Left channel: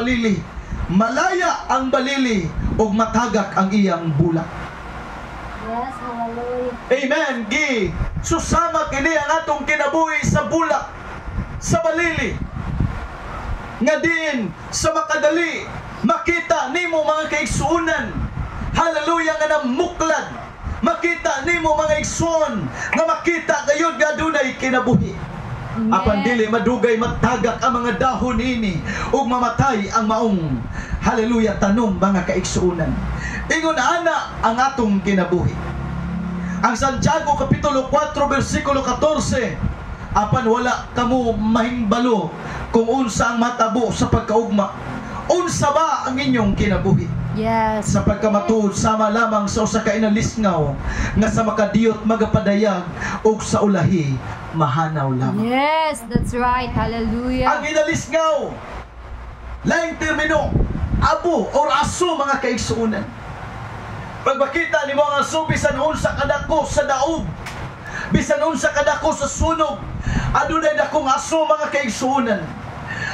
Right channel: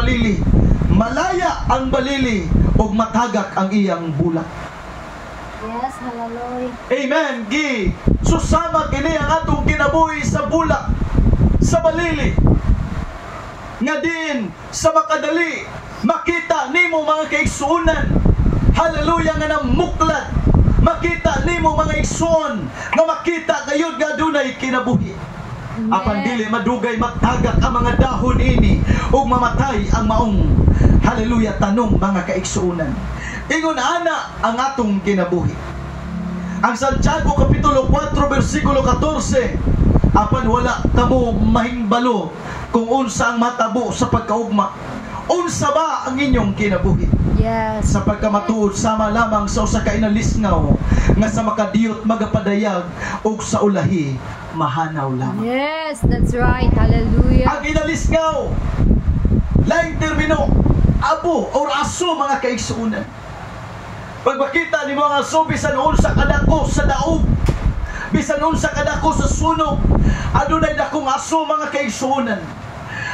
balili, malaya ang balili ug matagak ang iyang bulak. Yes, hallelujah. Amen. Gi susama kini ang atong kinabuhi sa bulak, sa balili. Nga din sa makadali makita nimo mga kaigsuonan, hallelujah, nga namuklad. Makita nimo mga igsoon nga makita kayod nga dunay kinabuhi. Apan dili madugay magtagak ang mga dahon ini ug mamatay ang maong, hallelujah, tanong mga kaigsuonan. Ingon ana ang atong kinabuhi. Ang Santiago Kapitulo 4 versikulo 14, apan wala kamo mahingbalo kung unsa ang matabo sa pagkaugma. Unsa ba ang inyong kinabuhi? Yes. Sa pagkamatuod sama lamang sa usa ka inalisngaw nga sa makadiyot magapadayag ug sa ulahi mahanaw lamang. Yes, that's right. Hallelujah. Ang inalisngaw laing termino abo or aso mga kaigsuonan. Pag makita nimo ang aso bisan unsa kadako sa daog, bisan unsa kadako sa sunog, adunay dakong aso mga kaigsuonan.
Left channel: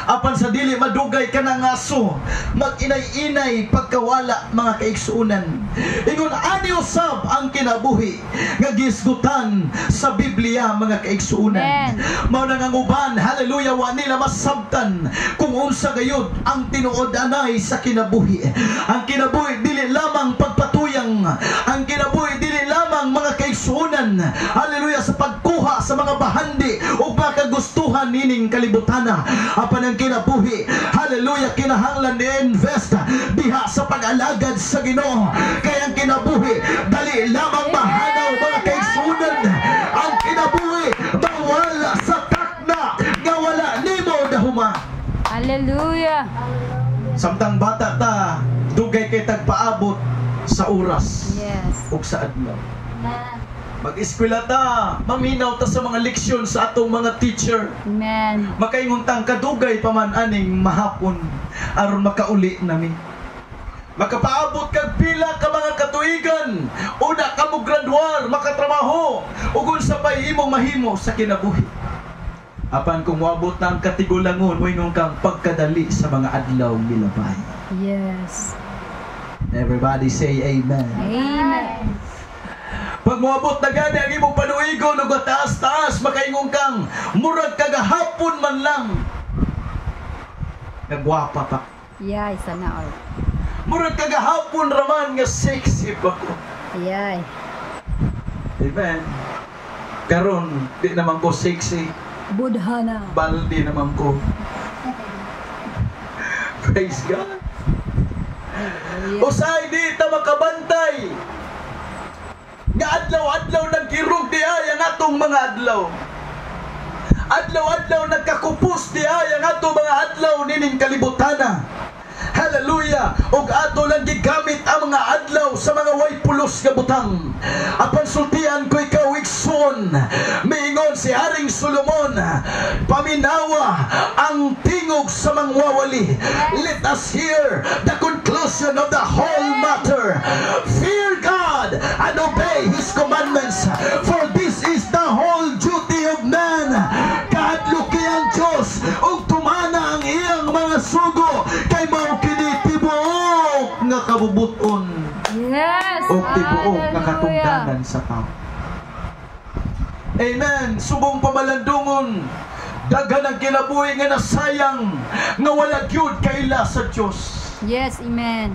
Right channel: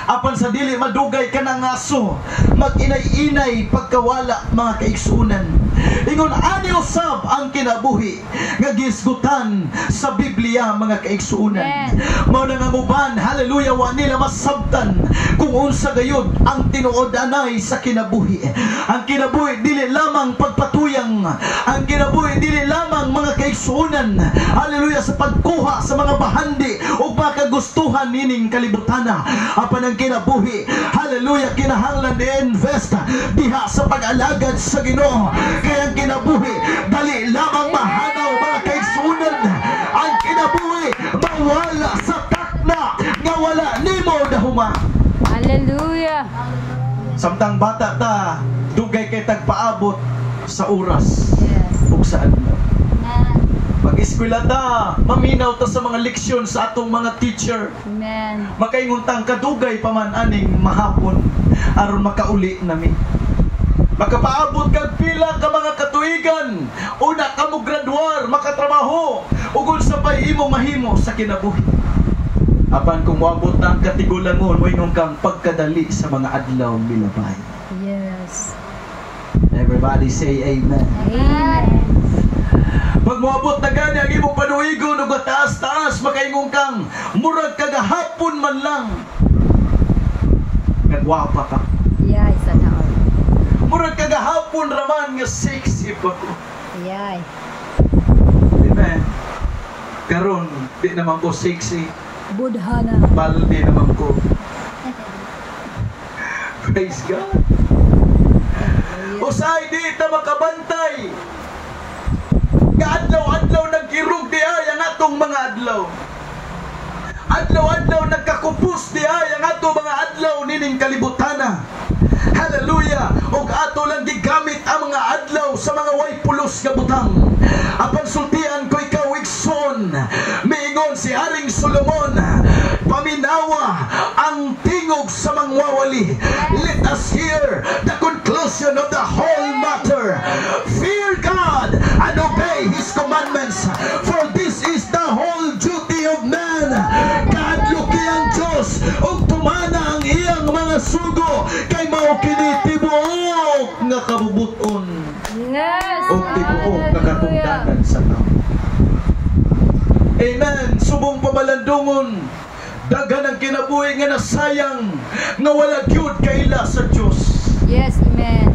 Apan sa dili madugay ka ng aso, mag-inay-inay pagkawala mga kaigsuonan. Ingon ani usab ang kinabuhi nga gisgutan sa Biblia mga kaigsuonan. Mao nang uban, hallelujah, wa nila masabtan kung unsa gayud ang tinuod anay sa kinabuhi. Ang kinabuhi dili lamang pagpatuyang, ang kinabuhi dili lamang mga kaigsuonan, hallelujah, sa pagkuha sa mga bahandi o mga kagustuhan nining kalibutana. Apan ang kinabuhi, hallelujah, kinahanglan i-invest diha sa pag-alagad sa Ginoo. Kaya ang kinabuhi dali lamang mahanaw mga kaigsuonan. Ang kinabuhi mawala sa takna nga wala nimo dahuman. Hallelujah. Samtang bata ta, dugay kay tagpaabot sa oras ug sa adlaw. Pag-eskwela ta, maminaw ta sa mga leksyon sa atong mga teacher. Amen. Makainguntang kadugay pa man aning mahapon aron makauli nami. Makapaabot kag pila ka mga katuigan, una ka mo graduar, makatrabaho, ug unsa pay imong mahimo sa kinabuhi. Apan kung moabot ang katigulangon, moingon kang pagkadali sa mga adlaw milabay. Yes. Everybody say amen. Amen. Pag moabot na gani ang imong panuigon ug taas-taas, makaingon kang murag kagahapon man lang. Kagwapa pa. Yay, sana all. Murag kagahapon raman nga sexy pa ko. Yay. Amen. Karon di naman ko sexy. Budhana. Baldi naman ko. Praise God. Usay di ta makabantay. Adlaw-adlaw nagkirog di ay ang atong mga adlaw. Adlaw-adlaw nagkakupos di ay ang atong mga adlaw nining kalibutana. Hallelujah. Og ato lang gigamit ang mga adlaw sa mga way pulos nga butang. Apan sultian ko ikaw igsoon. Miingon si Haring Solomon, paminawa ang tingog sa mangwawali. Let us hear the conclusion of the whole matter. Fear God and obey His commandments, for this is the whole duty of man. Kaadluki ang Diyos ug tumana ang iyang mga sugo kay mao kini tibuok nga kabubuton. Yes. O tibuok nga katungdanan sa tao. Amen. Subong pamalandungon, daghan ang kinabuhi nga nasayang nga wala gyud kaila sa Dios. Yes, amen.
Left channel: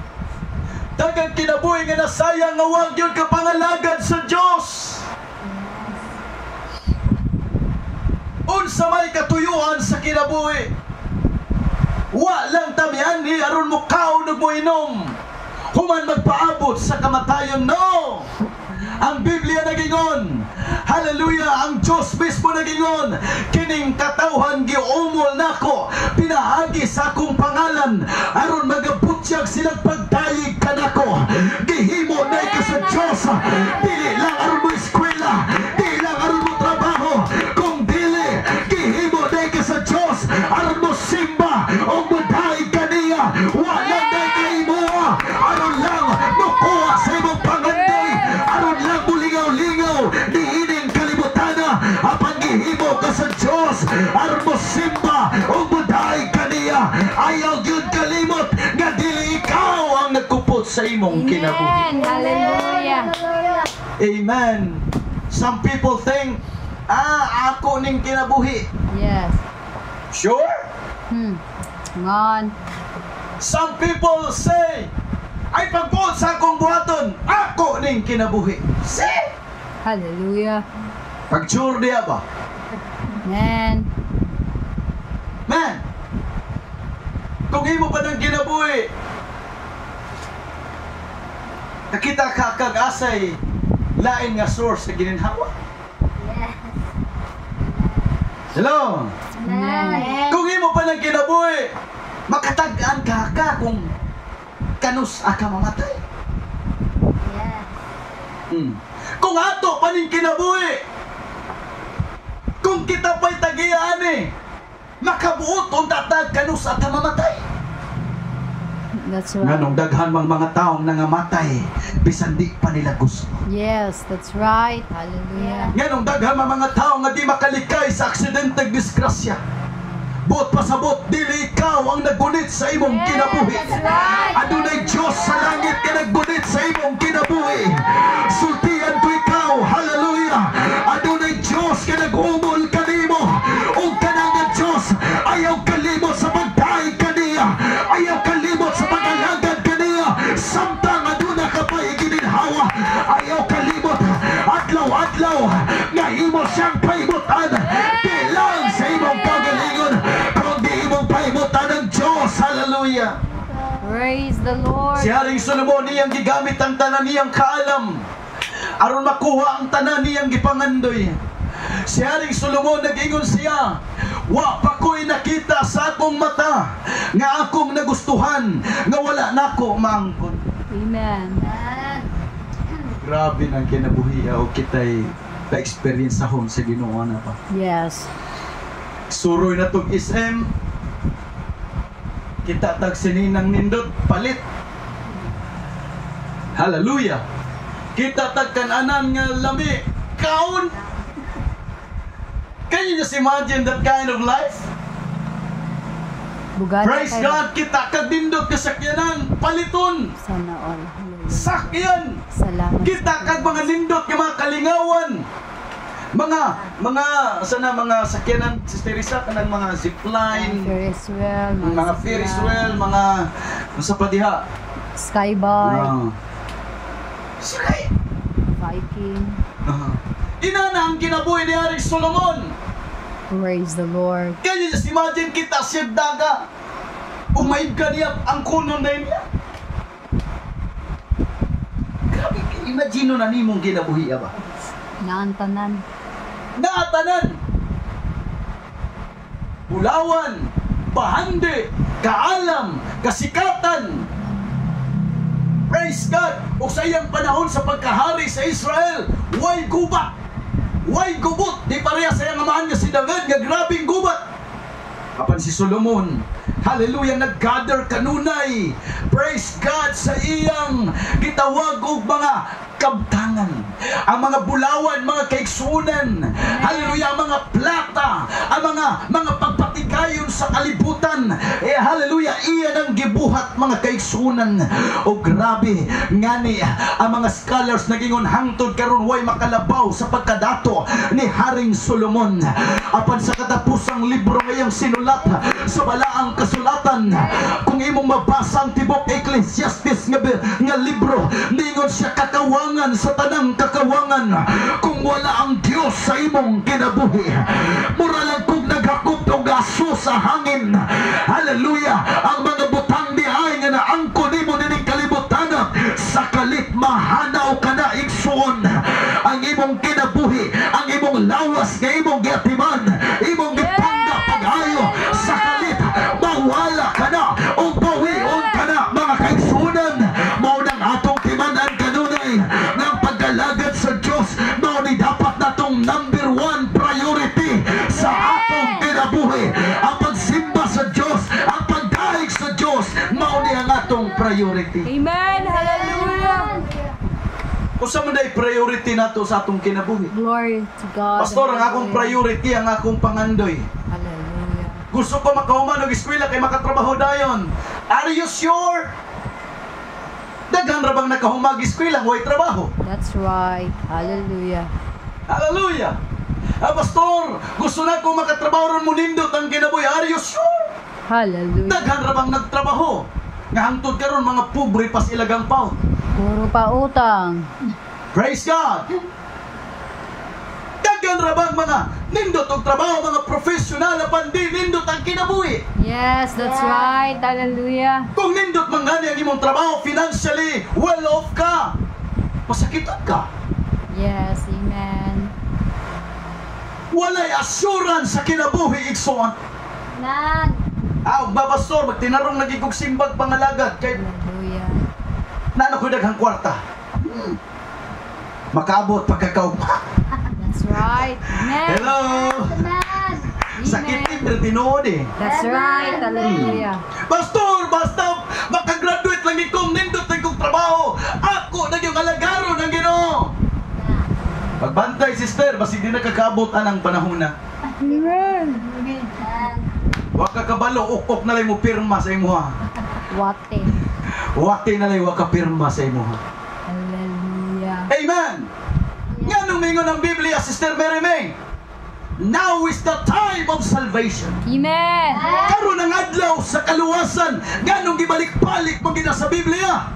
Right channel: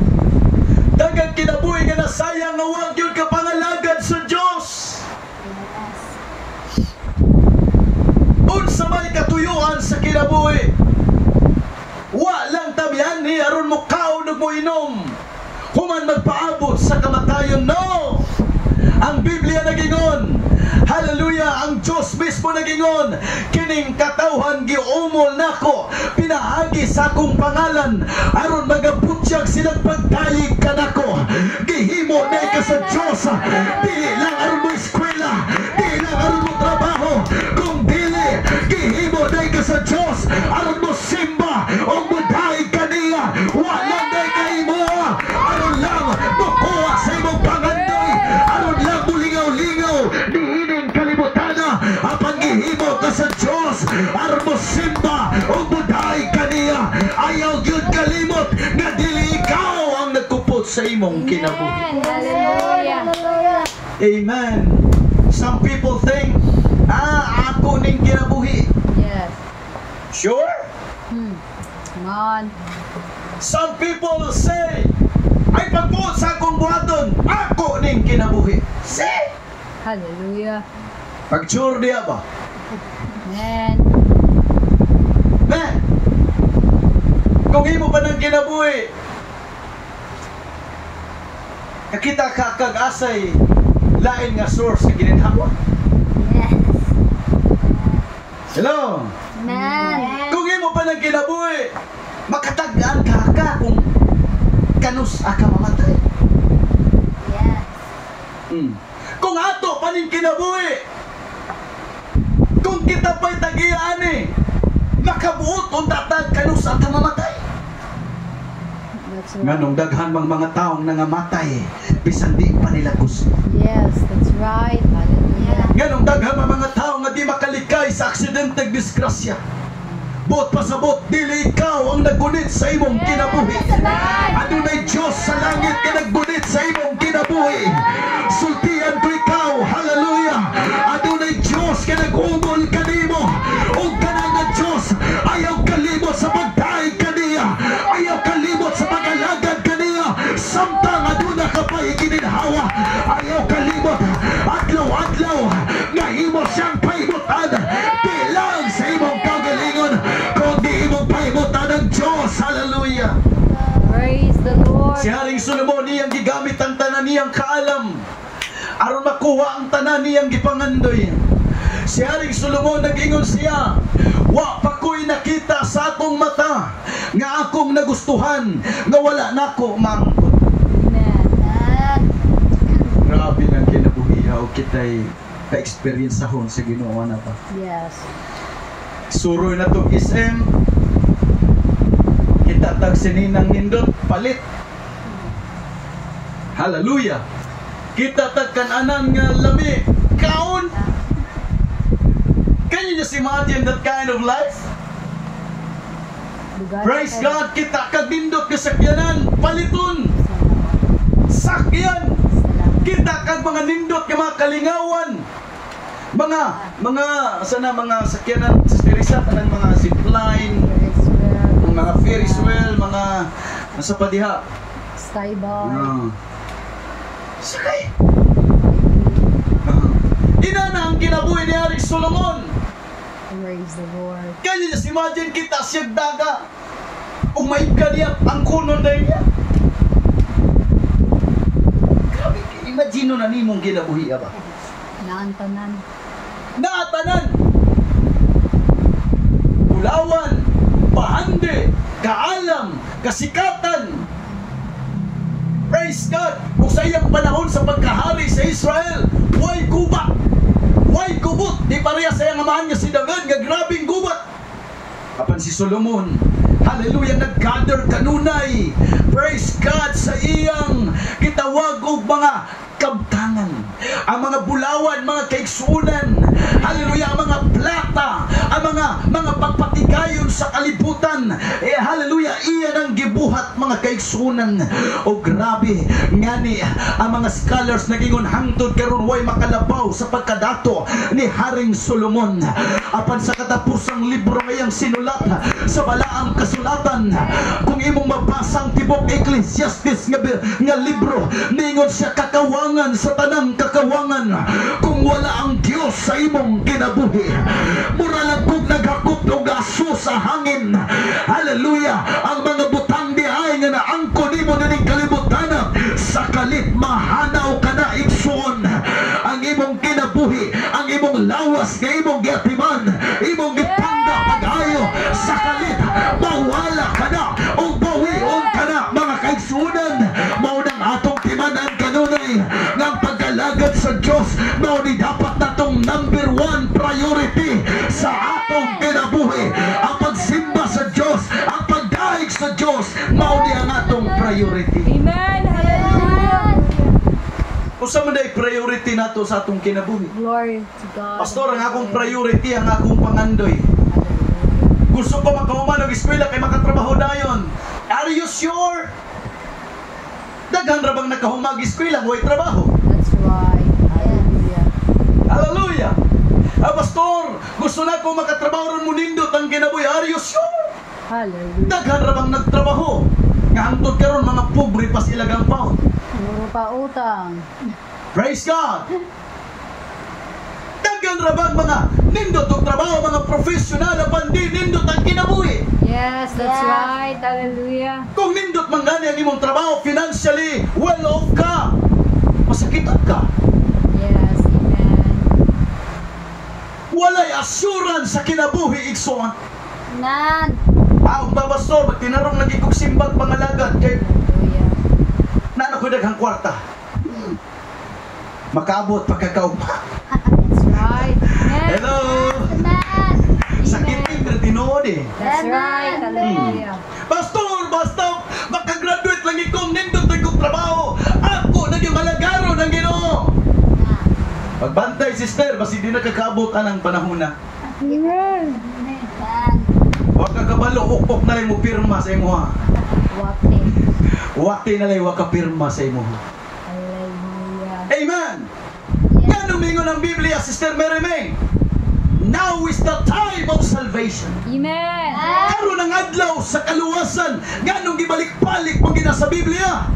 Daghang kinabuhi nga nasayang nga wa gyud ka pangalagad sa Dios. Unsa may katuyuan sa kinabuhi, wa lang tamian ni aron mo kaon ug mo inom human magpaabot sa kamatayon. No! Ang Biblia nagingon, hallelujah, ang Diyos mismo nagingon, kining katawhan giumol nako, pinahagi sa akong pangalan aron magabutyag silang pagdayeg kanako. Gihimo na ka sa Diyos, dili lang aron mo eskwela, dili lang aron mo trabaho, kung dili gihimo na ka sa Diyos aron mo simba o mudayeg kaniya. Wala na kaimo aron lang mokuha sa imong pangandoy, aron lang mulingaw-lingaw niining kalibutana. Apang gihimo ka sa Diyos aron mo simba o mudayeg kaniya. Ayaw gyud Hangtod kalimot nga dili ikaw ang nagkupot sa imong kinabuhi. Amen. Hallelujah. Amen. Some people think, ako ning kinabuhi. Yes. Sure? Come on. Some people say, ay pagbuot sa akong buhaton, ako ning kinabuhi. See? Hallelujah. Pag-sure diya ba? Amen. Man, kung imo pa ng kinabuhi, nakita ka kag-asay lain nga source sa gininhawa. Hello? Amen. Kung imo pa ng kinabuhi, makatagdaan ka kung kanus ka mamatay. Kung ato pa ning kinabuhi, kung kita pa'y tagiyaani, makabuot kung tatag kanus ka mamatay. That's right. Nganong daghan mang mga taong nangamatay bisan di pa nila gusto. Yes, that's right. Hallelujah. Nganong daghan mang mga taong nga di makalikay sa aksidenteng disgrasya. Buot pasabot, dili ikaw ang nagunit sa imong kinabuhi. Adunay Diyos sa langit nga naggunit sa imong kinabuhi. Sultihan ko ikaw, hallelujah. Adunay Diyos nga nag-umol kanimo. O kanang Diyos, ayaw kalimot sa pagdaig kaniya. Ayaw kalimot sa pag-alagad kaniya. Samtang aduna ka pa ikininhawa. Ayaw kalimot, adlaw-adlaw, nga imo siyang paimutan. Di lang sa imong kagalingon, kundi imong paimutan ng Diyos. Hallelujah. Praise the Lord. Si Haring Solomon niyang gigamit ang tanan niyang kaalam aron makuha ang tanan niyang gipangandoy. Si Haring Solomon nag-ingon siya, wa pa ko'y nakita sa akong mata nga akong nagustuhan nga wala nako maangkot. Amen. Grabe ng kinabuhi o kita'y pa-experience ahon sa Ginoo na pa. Yes. Suroy na to SM, kita tag sininang nindot palit. Hallelujah. Kita tag kananan nga lami kaon. Can you just imagine that kind of life? Bugad Praise kayo. God. Kita kag nindot kasakyanan paliton Sana all. sakyan. Salamat. Kita kag mga nindot nga mga kalingawan. Mga sakyanan sa Teresa, kanang mga zipline, Ferris wheel. mga Ferris wheel, mga nasa padiha. Skybar. Sakay. Viking. Ina na ang kinabuhi ni Haring Solomon. Praise the Lord. Can you just imagine kita siyag daga? Umayib ka niya ang kuno na niya. Grabe, imagine na nimong kinabuhi ba? Naantanan. Naatanan, ulawan, bahande, kaalam, kasikatan. Praise God! Kung sa iyang panahon sa pagkahari sa Israel, way gubat, way gubot. Di pareha sa iyang amahan niya si David, nga grabing gubat. Apan si Solomon, hallelujah, nag-gather kanunay. Praise God sa iyang gitawag og mga kabtangan, ang mga bulawan, mga kaigsunan, hallelujah, ang mga plata, ang mga pagpatikayon sa kalibutan, hallelujah, iyan ang gibuhat mga kaigsunan. O grabe, ngani, ang mga scholars nagingon hangtod karon way makalabaw sa pagkadato ni Haring Solomon. Apan sa katapusang libro ngayang sinulat sa balaang kasulatan, kung imong mabasa ang tibok Ecclesiastes nga libro, ningon siya kakawang sa tanang kakawangan kung wala ang Diyos sa imong kinabuhi. Mura lang kung naghakot o gaso sa hangin. Hallelujah. Ang mga butang di ay nga naangko nimo nining kalibutan sa kalit mahanaw ka na igsuon ang imong kinabuhi, ang imong lawas nga imong giatiman, imong gipanda pag-ayo sa kalit mawala ka na o bawion ka na mga kaigsunan. Mao nang atong timanan kanunay ng pagkalagad sa Diyos. Mao ni dapat natong number 1 priority sa atong kinabuhi. Ang pagsimba sa Diyos, ang pagdaig sa Diyos, mao ni ang atong priority. Amen. Hallelujah. Usa man day priority nato sa atong kinabuhi. Glory to God. Pastor, ang akong priority ang akong pangandoy. Hallelujah. Gusto ko makahuman og eskwela kay makatrabaho dayon. Are you sure? Daghan ra bang nakahumag eskwela way trabaho? That's right. Hallelujah. Hallelujah. Pastor, gusto na ko makatrabaho ron mo nindot ang kinabuhi. Are you sure? Hallelujah. Daghan ra bang nagtrabaho? Nga hangtod karon mga pobre pas ilagang pound. Puro pa utang. Praise God. Daghan ra bang mga nindot og trabaho, mga professional na bandi nindot ang kinabuhi. Yes, that's right. Hallelujah. Kung nindot man gani ang imong trabaho, financially well off ka, masakitan ka. Yes, amen. Walay assurance sa kinabuhi, igsoon. Nan. Babastor, magtinarong lagi kong simbag pangalagad kay Hallelujah. nano ko daghang kwarta. Makaabot pagkakaugma. That's right. Amen. Hello. Sakit din tinuod eh. That's right. Hallelujah. Pastor, basta makagraduate lang ikong nindot na ikong trabaho. Ako naging malagaro ng Ginoo. Pagbantay, sister, basi di nakakaabot ang panahon na. Amen. Wag ka kabalo, ukpok na lang mo pirma sa imo ha. Wate. Wate na lang wag ka pirma sa imo ha. Hallelujah. Amen! Yan ang mingon ng Biblia, Sister Mary May. Now is the time of salvation. Amen. Karon ang adlaw sa kaluwasan, nganong gibalik-balik pag gina sa Biblia.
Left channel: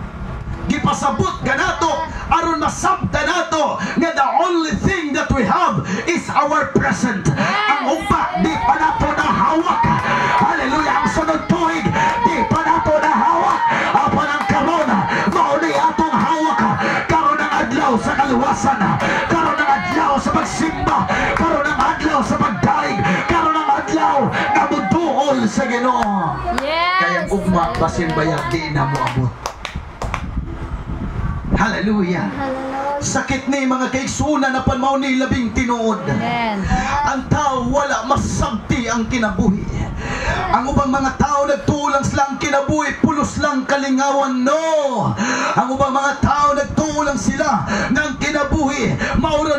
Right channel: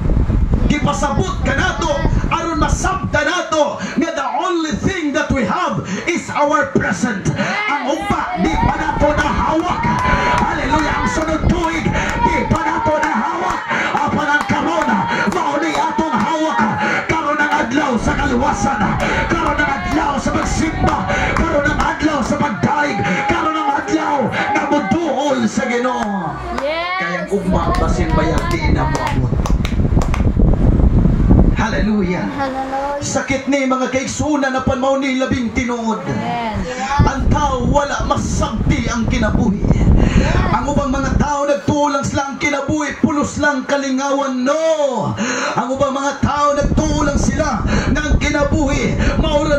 Gipasabot ka nato, aron masabta nato nga the only thing that we have is our present. Ang upa, di pa nato na hawak. Hallelujah! Ang sunod tuig, di pa nato na hawak. Apan ang karon, mauni atong hawak. Karon ang adlaw sa kaluwasan. Karon ang adlaw sa pagsimba. Karon ang adlaw sa pagdaig. Karon ang adlaw na muduol sa Ginoo. Yes. Kayang ugma basin bayag di na moabot. Hallelujah. Sakit ni mga kaigsunan na panmaw ni labing tinuod. Amen. Ang tao wala masabti ang kinabuhi. Ang ubang mga tao nagtulang silang kinabuhi, pulos lang kalingawan. No! Ang ubang mga tao nagtulang sila ng kinabuhi, maura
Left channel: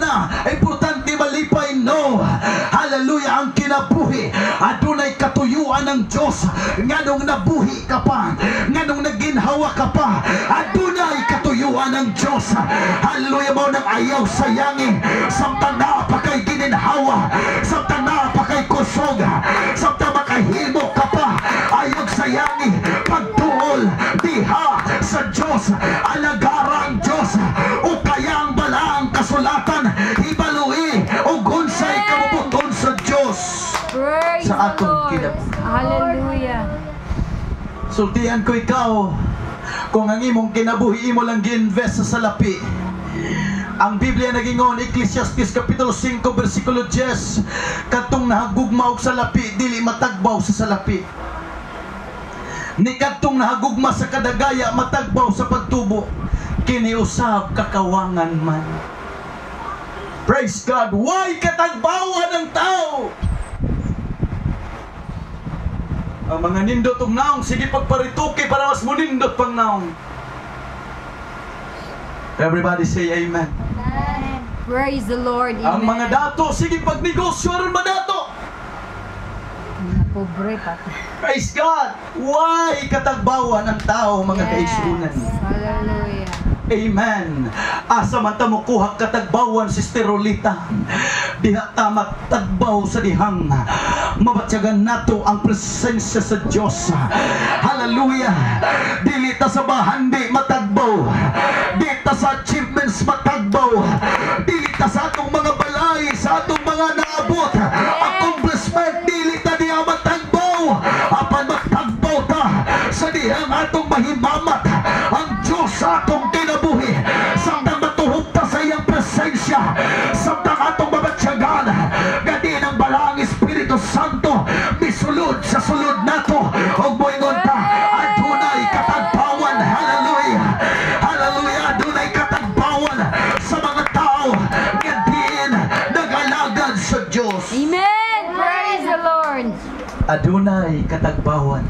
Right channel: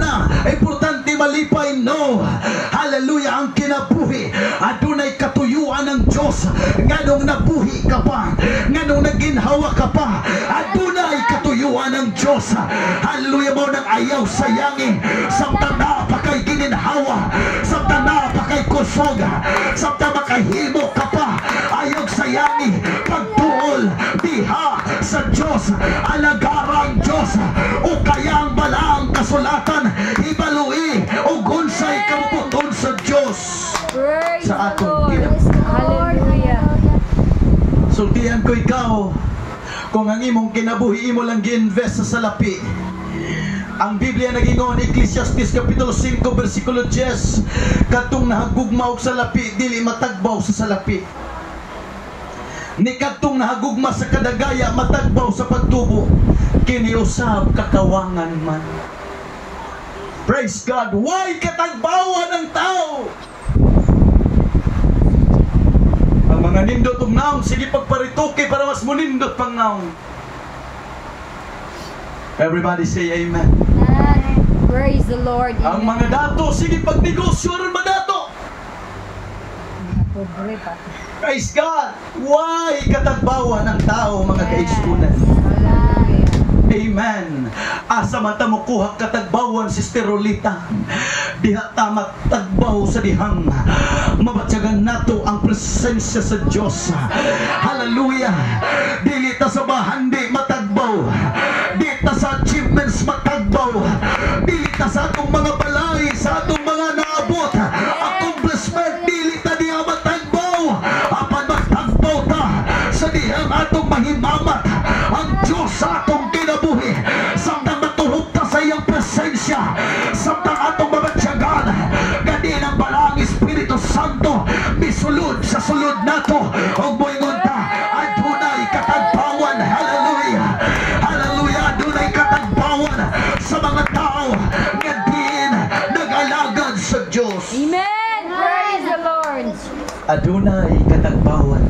na, importante malipay. No! Hallelujah! Ang kinabuhi, adunay katuyuan ng Diyos. Nganong nabuhi ka pa, nganong naginhawa ka pa, adunay katuyuan ng Diyos. Hallelujah! Mo nang ayaw sayangin, samtang pa kay gininhawa, samtang pa kay kusog, samtang makahimo ka pa, ayaw sayangin, pagtuol diha sa Diyos, alagarang Diyos, o kayang balang kasulatan, ibalui o gunsay kamuputon sa Diyos. Praise Sa the atong Lord. kinabuhi. Hallelujah. Sultihan ko ikaw, kung ang imong kinabuhi imo lang gi-invest sa salapi. Ang Biblia nagingon, Ecclesiastes Kapitulo 5 versikulo 10, katong nahagugma og salapi dili matagbaw sa salapi, ni katong nahagugma sa kadagaya matagbaw sa pagtubo, kini usab kakawangan man. Praise God. Why katagbawan ng tao? Ang mga nindot og naong, sige pagparituki para mas munindot pang naong. Everybody say amen. Praise the Lord. Ang Amen. mga dato, sige pagnegosyo ron madato. Mga pobre pa. Praise God. Why katagbawan ng tao, mga kaigsunan? Hallelujah. Amen. Asa mata mo kuha katagbawan, Sister Rolita. Diha ta matagbaw sa dihang. Mabatyagan nato ang presensya sa Diyos. Hallelujah. Dili ta sa bahandi matagbaw. Dili ta sa achievements matagbaw. Dili ta sa atong mga balay, sa atong mga naabot. Accomplishment, dili ta diha matagbaw. Apan matagbaw ta sa dihang atong mahimamat. Ang Diyos sa atong kinabuhi, samtang matuhog ta sa iyang presensya, samtang atong mabatyagan, gadi ng balang Espiritu Santo misulod sa sulod nato, og moingon ta, adunay katagbawan. Hallelujah. Hallelujah. Adunay katagbawan sa mga tao nga diin nagalagad sa Diyos. Amen. Praise the Lord. Adunay katagbawan.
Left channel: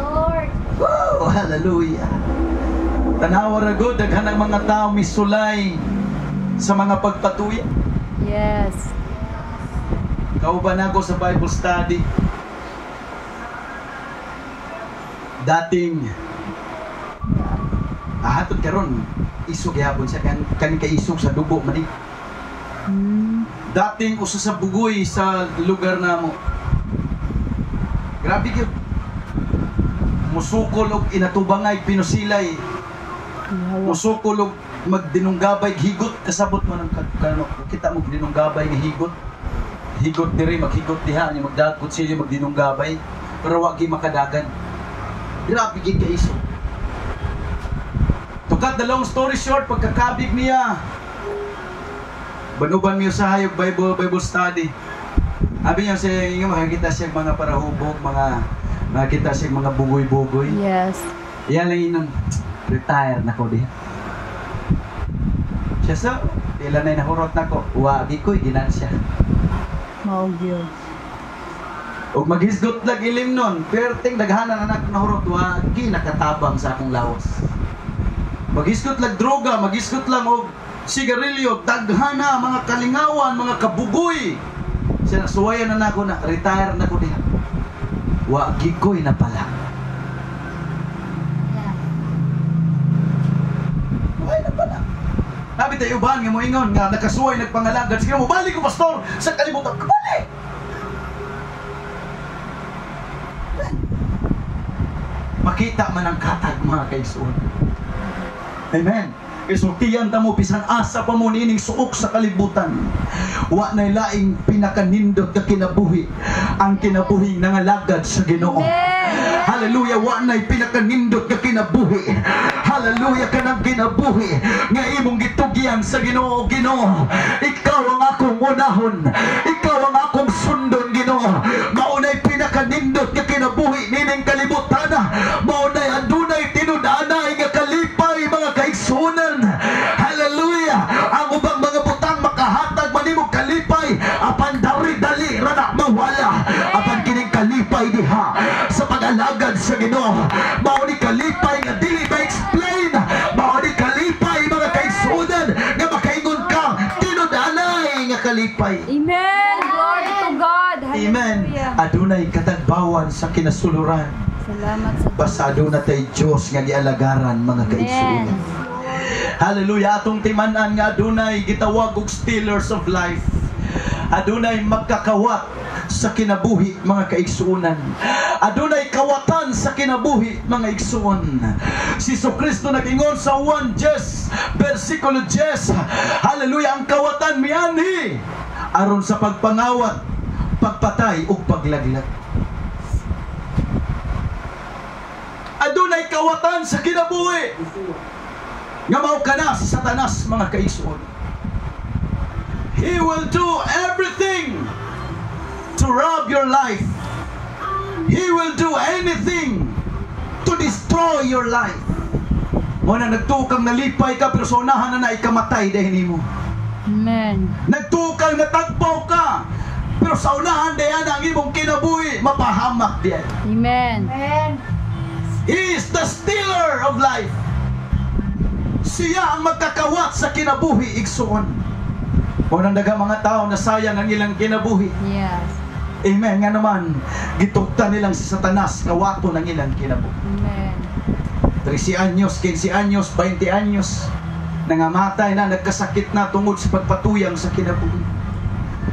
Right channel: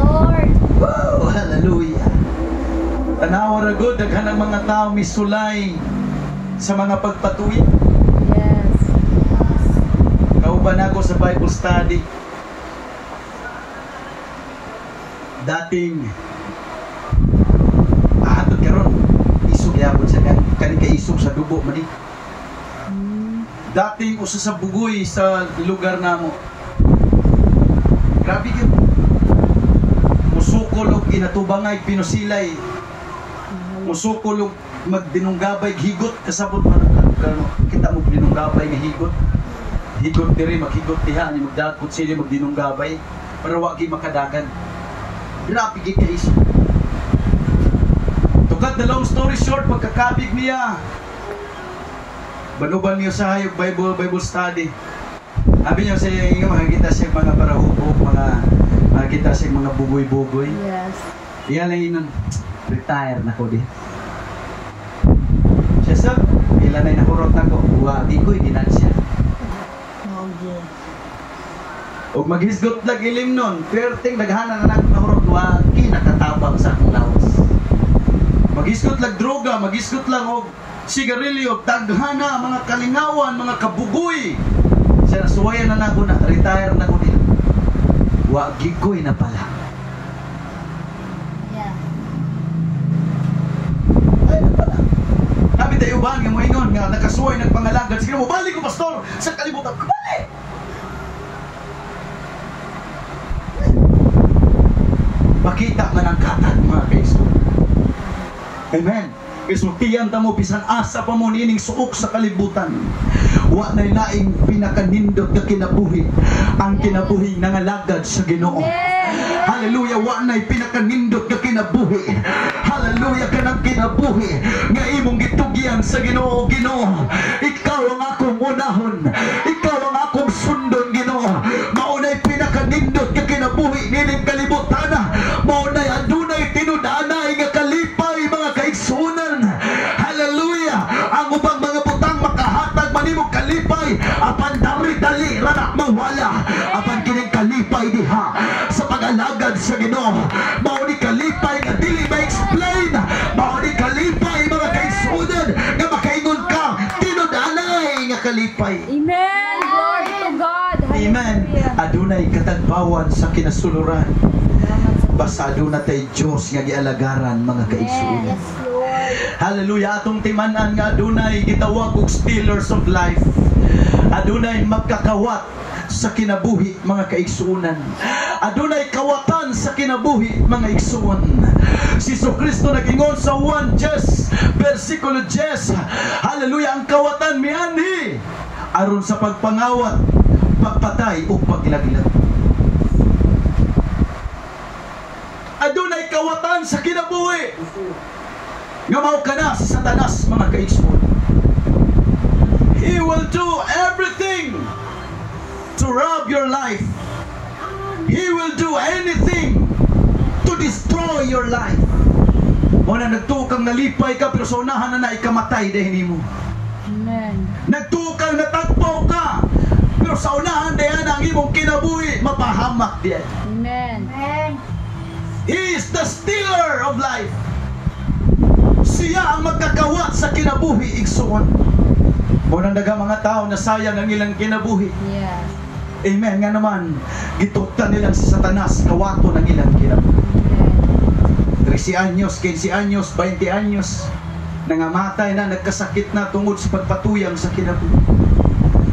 Lord. Wow, hallelujah. Tanawa ra gud daghan ang mga tao misulay sa mga pagpatuig. Yes. Kauban ako sa Bible study. dating hatod karon isog yapon sa kani kay isog sa dugo man. Dating usa sa bugoy sa lugar namo. Grabe gyud. Musukol og inatubangay pinusilay. Musukol og magdinunggabay higot kasabot man kano kita mo dinunggabay nga higot. Higot diri maghigot diha ni magdakot siya magdinunggabay pero wa gyud makadagan. Grabe gyud kay isog. To cut the long story short, pagkakabig niya banuban niyo sa hayop Bible study. Abi niyo sa inyo makikita siya mga parahubok, makikita siya mga bugoy-bugoy. Yes. Iyan lang inang retire na ko di. Siya sa ilan na nakurot na ko. Wagi ko'y dinan siya. Oh, dear. Og maghisgot lag ilim nun. Perting daghanan na nakurot. Wagi nakatabang sa akong lawas. Maghisgot lag droga. Maghisgot lang og sigarilyo. Daghana, mga kalingawan, mga kabugoy. Siya nasuwayan na ako na. Retire na ko di. Wagi ko'y napala. Ay, napala. Sabi tayo uban nga mo ingon nga nakasuway nagpangalagad. Sige mo, balik ko pastor sa kalibutan. Balik! Makita man ang katag mga kaigsoon. Amen. Isultiyan ta mo bisan asa pa mo nining suok sa kalibutan. Wa nay laing pinakanindot nga kinabuhi ang kinabuhi nangalagad sa Ginoo. Hallelujah, wa nay pinakanindot nga kinabuhi. Hallelujah, kanang kinabuhi nga imong gitugyan sa Ginoo. Ginoo, ikaw ang akong unahon, ikaw ang akong sundon, Ginoo. Maunay pinakanindot nga kinabuhi nining kalibutan. Maunay adunay tinud-anay nga kalipay mga kaigsunan. Hallelujah, ang ubang mga butang makahatag manimong kalipay apan dali-dali ra na mawala. Apan kining kalipay diha sa pag-alagad sa Ginoo. Mao ni kalipay nga dili ma-explain. Mao ni kalipay mga kaigsunan nga makaingon ka tinud-anay nga kalipay. Amen. Glory to God. Amen. Adunay katagbawan sa kinasuluran. Salamat sa Basta aduna tay Dios nga gialagaran mga kaigsunan. Yes. Hallelujah, atong timan-an nga adunay gitawag og stealers of life. Adunay magkakawat sa kinabuhi mga kaigsuonan. Adunay kawatan sa kinabuhi mga igsuon. Si Kristo nag-ingon sa 1 Jes versikulo 10. Hallelujah, ang kawatan mianhi aron sa pagpangawat, pagpatay ug paglaglag. Adunay kawatan sa kinabuhi nga mao kana si Satanas mga kaigsuon. He will do everything to rob your life. He will do anything to destroy your life. Muna nagtukang nalipay ka pero sa unahan na ikamatay dahil mo. Amen. Nagtukang natagpaw ka pero sa unahan dahil ang imong kinabuhi mapahamak diyan. Amen. He is the stealer of life. Siya ang magkakawat sa kinabuhi igsuon. Muna daga mga tao na sayang ang ilang kinabuhi. Yes. Amen. Nga naman, gituktan nilang si Satanas, kawato ng ilang kinabuhi. 13 anyos, 15 anyos, 20 anyos, nangamatay na, nagkasakit na tungod sa pagpatuyang sa kinabuhi.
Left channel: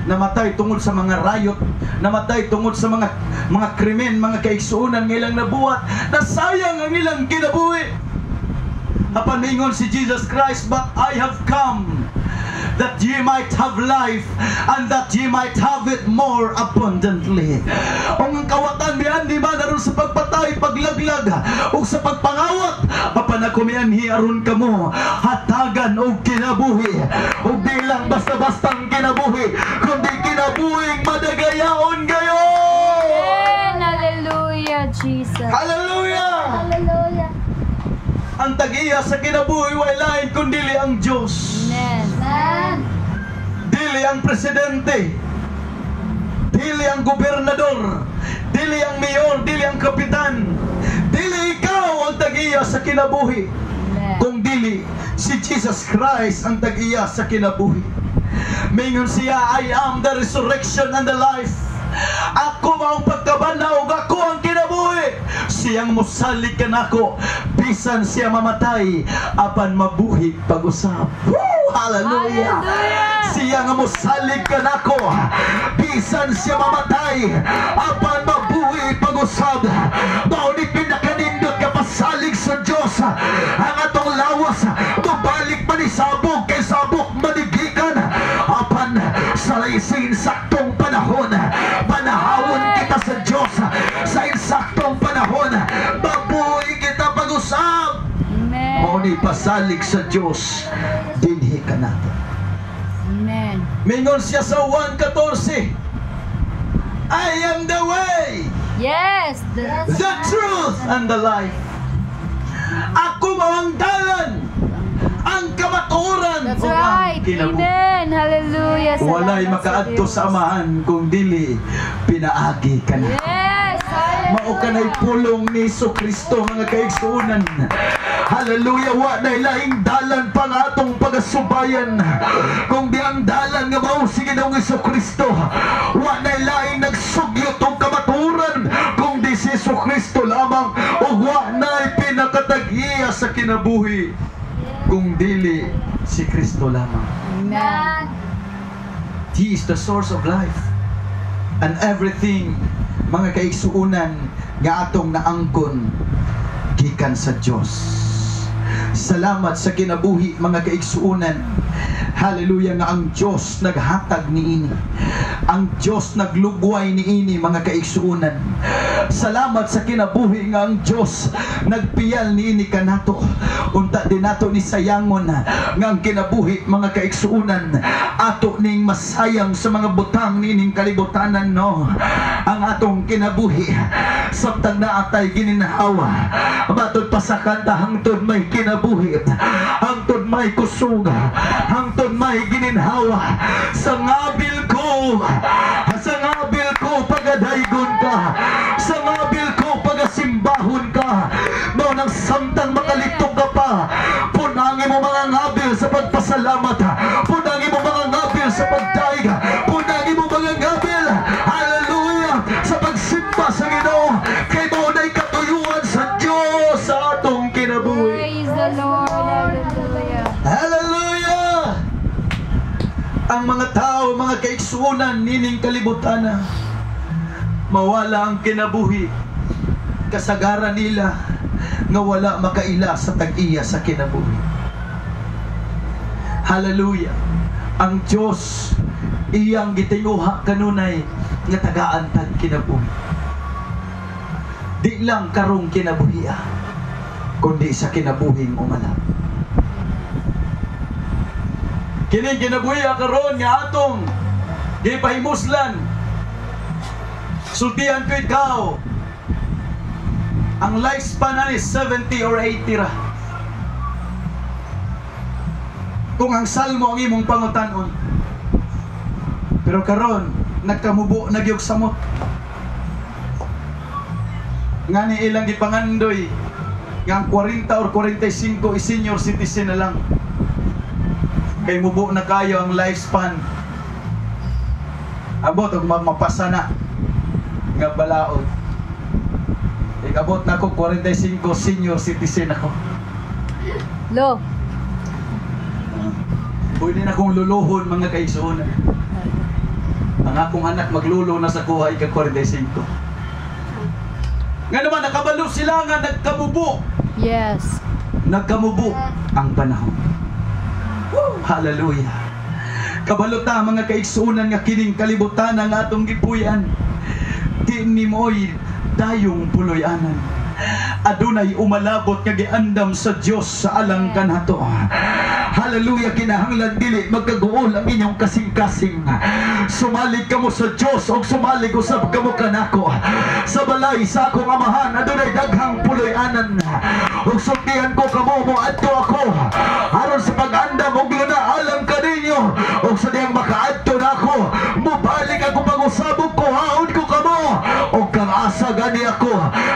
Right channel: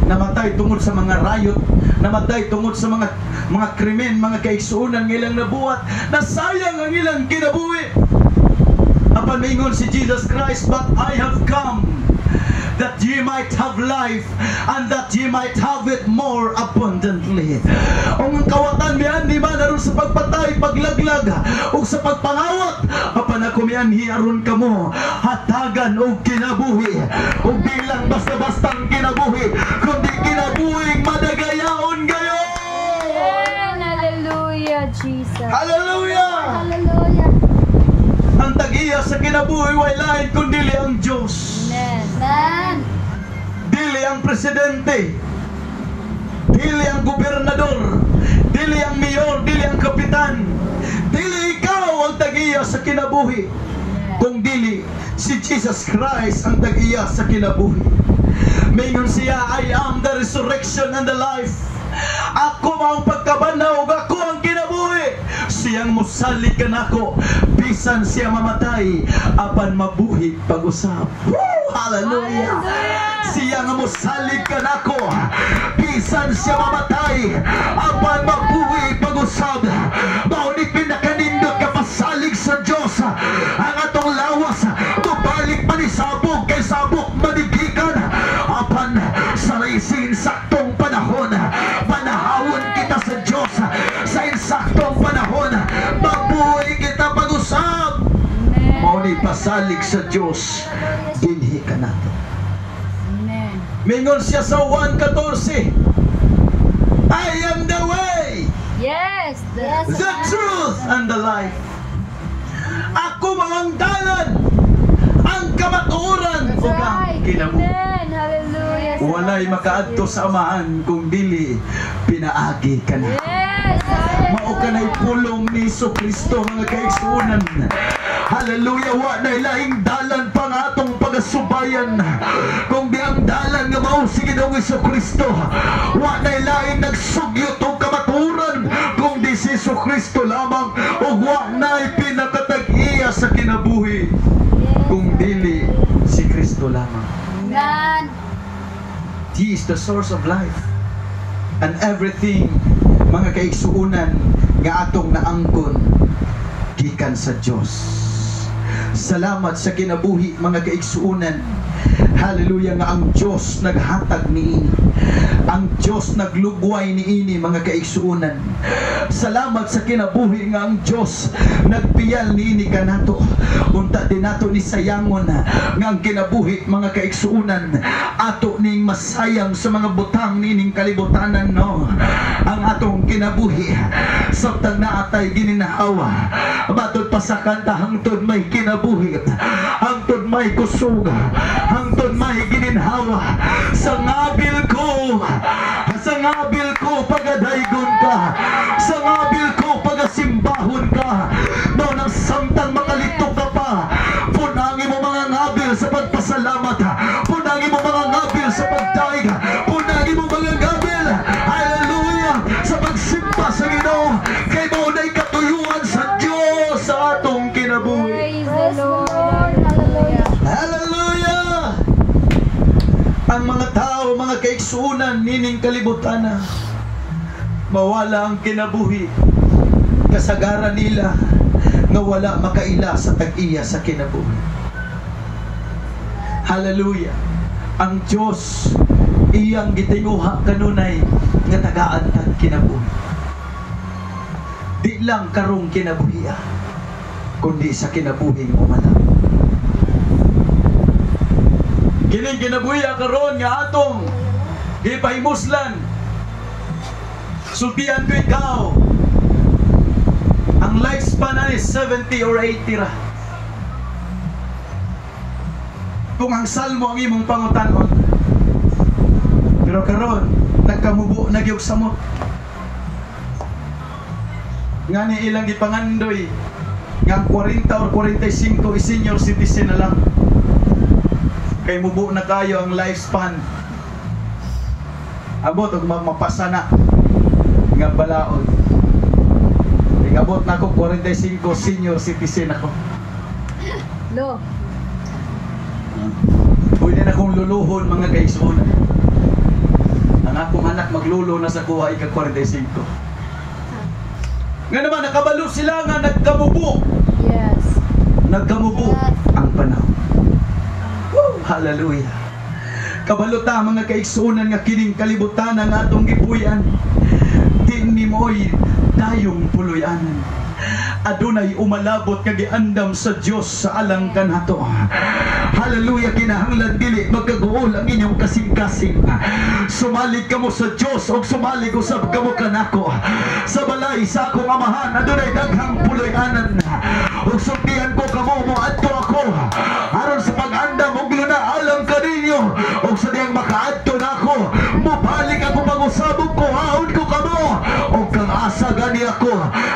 Namatay tungod sa mga riot, namatay tungod sa mga krimen, mga kaigsuunan ng ilang nabuhat, nasayang ang ilang kinabuhi. Apan mingon si Jesus Christ, but I have come that ye might have life and that ye might have it more abundantly. Ang kawatan miyan di ba naroon sa pagpatay, paglaglag o sa pagpangawat, apan ako miyan hiaron kamo hatagan o kinabuhi o bilang basta-bastang kinabuhi kundi kinabuhing madagayaon kayo. Hallelujah, Jesus. Hallelujah. Hallelujah. Ang tagiya sa kinabuhi way lain kundili ang Diyos. Amen. Dili ang presidente, dili ang gobernador, dili ang mayor, dili ang kapitan, dili ikaw ang tagiya sa kinabuhi, kung dili si Jesus Christ ang tagiya sa kinabuhi. Mingon siya, I am the resurrection and the life. Ako ang pagkabanaw, ako ang kinabuhi. siyang musalig kanako bisan siya mamatay apan mabuhi pag-usab. Hallelujah. Siyang musalig kanako bisan siya mamatay apan mabuhi pag-usab. Mao ni pinakanindot ka pasalig sa Dios ang atong lawas mabalik pa ni sabog kay sabog madigikan apan sa laising saktong panahon panahawon kita sa Dios sa insaktong panahon mabuhi kita pag-usab. Mao ni pasalig sa Dios dinhi kanato. Amen. Mingon siya sa 1:14, I am the way, Yes. the truth, and the life. Ako ang dalan, ang kamatuoran, That's ug ang right. kinabuhi. Amen. Hallelujah. Walay makaadto sa amahan kung dili pinaagi ka na. Yes. Mao kanay pulong ni Kristo mga kaigsuonan. Hallelujah, wa na laing dalan pa nga atong pagasubayan kung di ang dalan nga mao si Ginoong Kristo. Wa na laing nagsugyo tong kamaturan kung di si Kristo lamang, o wa na pinakatag-iya sa kinabuhi kung dili si Kristo lamang. Amen. He is the source of life and everything mga kaigsuonan nga atong naangkon gikan sa Dios. Salamat sa kinabuhi mga kaigsuonan. Hallelujah nga ang Diyos naghatag niini. Ang Diyos naglugway niini mga kaigsuonan. Salamat sa kinabuhi nga ang Diyos nagpiyal niini kanato. Unta din nato ni sayangon nga ang kinabuhi mga kaigsuonan ato ning masayang sa mga butang nining kalibutanan no. Ang atong kinabuhi samtang naatay gininhawa matod pa sa kanta hangtod may kinabuhi, hangtod may kusog, hangtod may gininhawa. Sa ngabil ko pagadaygon ka, sa ngabil ko pagasimbahon ka. No nang samtang makalito ka pa, punangi mo mga ngabil sa pagpasalamat, punangi mo mga ngabil sa pagdaig, punangi mo mga ngabil, hallelujah, sa pagsimba sa Ginoo. Kay mo na'y katuyuan sa Diyos sa atong kinabuhi. Praise the Lord. Hallelujah. Hallelujah! Ang mga tao, mga kaigsuonan nining kalibutan, mawala ang kinabuhi, kasagaran nila nga wala makaila sa tag-iya sa kinabuhi. Hallelujah! Ang Diyos iyang gitinguha kanunay nga tagaan tag kinabuhi. Di lang karong kinabuhi kundi sa kinabuhing umala. Kining kinabuhi karon nga atong gipahimuslan. Sultihan ko ikaw, ang lifespan na is 70 or 80 ra. Kung ang salmo ang imong pangutanon, pero karon nagkamubo nagyog samot. Nga ni ilang gipangandoy nga ang 40 or 45 is senior citizen na lang. Kay mubo na kayo ang lifespan. Abot og mapasa na nga balaod. Abot na ako 45 senior citizen ako. Lo. Pwede na akong luluhon mga kaigsuonan. Ang akong anak maglulo na sa kuha ika 45. Nga naman nakabalo sila nga nagkamubo. Yes. Nagkamubo ang panahon. Hallelujah. Kabalota mga kaigsuonan nga kining kalibutan ang atong gipuy-an. Di ni mo'y dayong puloy-anan. Adunay umalabot nga giandam sa Dios sa alang kanato. Hallelujah, kinahanglan dili magkaguol ang inyong kasing-kasing. Sumalig kamo sa Dios o sumalig usab kamo kanako. Sa balay sa akong amahan adunay daghang puloy-anan. Ug sultihan ko kamo mo adto ako aron sa pag-andam og luna alang kaninyo. Ug sa diyang makaadto nako, mobalik ako pag-usabog ko, haon ko kamo. Og kang asa gani ako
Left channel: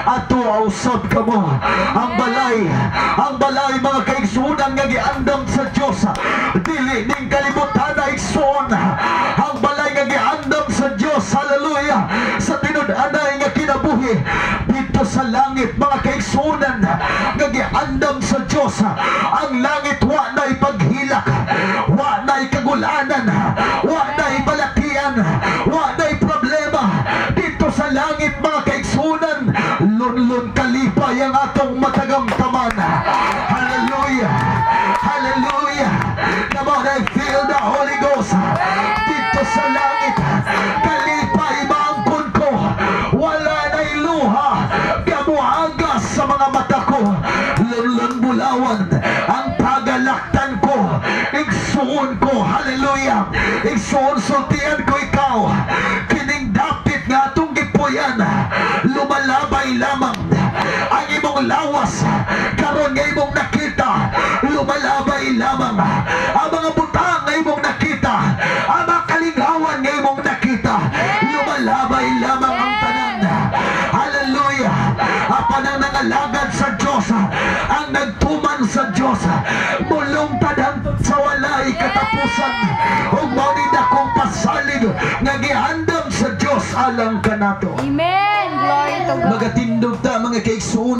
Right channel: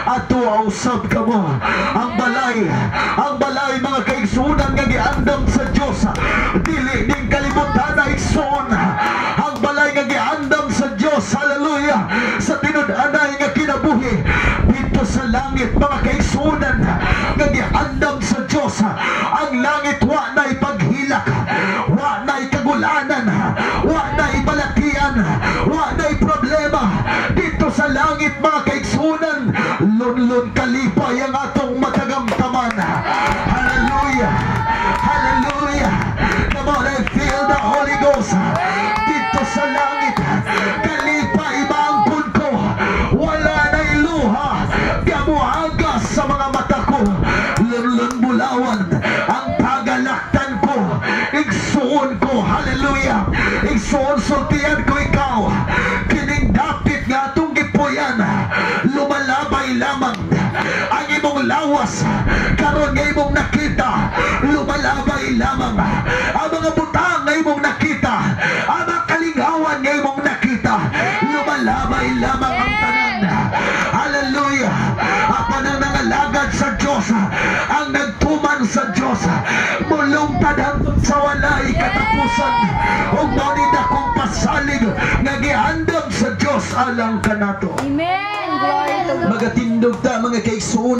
ato usab kamo. Ang balay mga kaigsuonan nga giandam sa Dios dili ning kalibutan na igsoon. Ang balay nga giandam sa Dios, hallelujah, sa tinud-anay nga kinabuhi dito sa langit kaigsuonan nga giandam sa Dios. Ang langit wa na ipaghilak, wa na ikagulanan, wa na ibalatian, wa na problema dito sa langit mga kaigsuonan. Lunlun kalipay ang atong matagamtaman. Hallelujah, hallelujah. Come on, I feel the Holy Ghost dito sa langit. Kalipay maangkon ko, wala na'y luha gamuhagas sa mga mata ko. Lunlun bulawan ang pagalaktan ko, igsuon ko. Hallelujah, igsuon sultian ko ikaw. Kining dapit nga atong gipuyan, lumalabay lamang ang imong lawas. Karon nga imong nakita, lumalabay lamang ang mga butang nga imong nakita, ang mga kalingawan nga imong nakita, lumalabay lamang ang tanan. Hallelujah. Apa nang nangalagad sa Diyos, ang nagtuman sa Diyos, mulungtad hangtod sa walay katapusan. O manid akong pasalig nga gihandam sa Diyos alang kanato. Amen. Glory to God. Magatindog ta mga kaigsuon.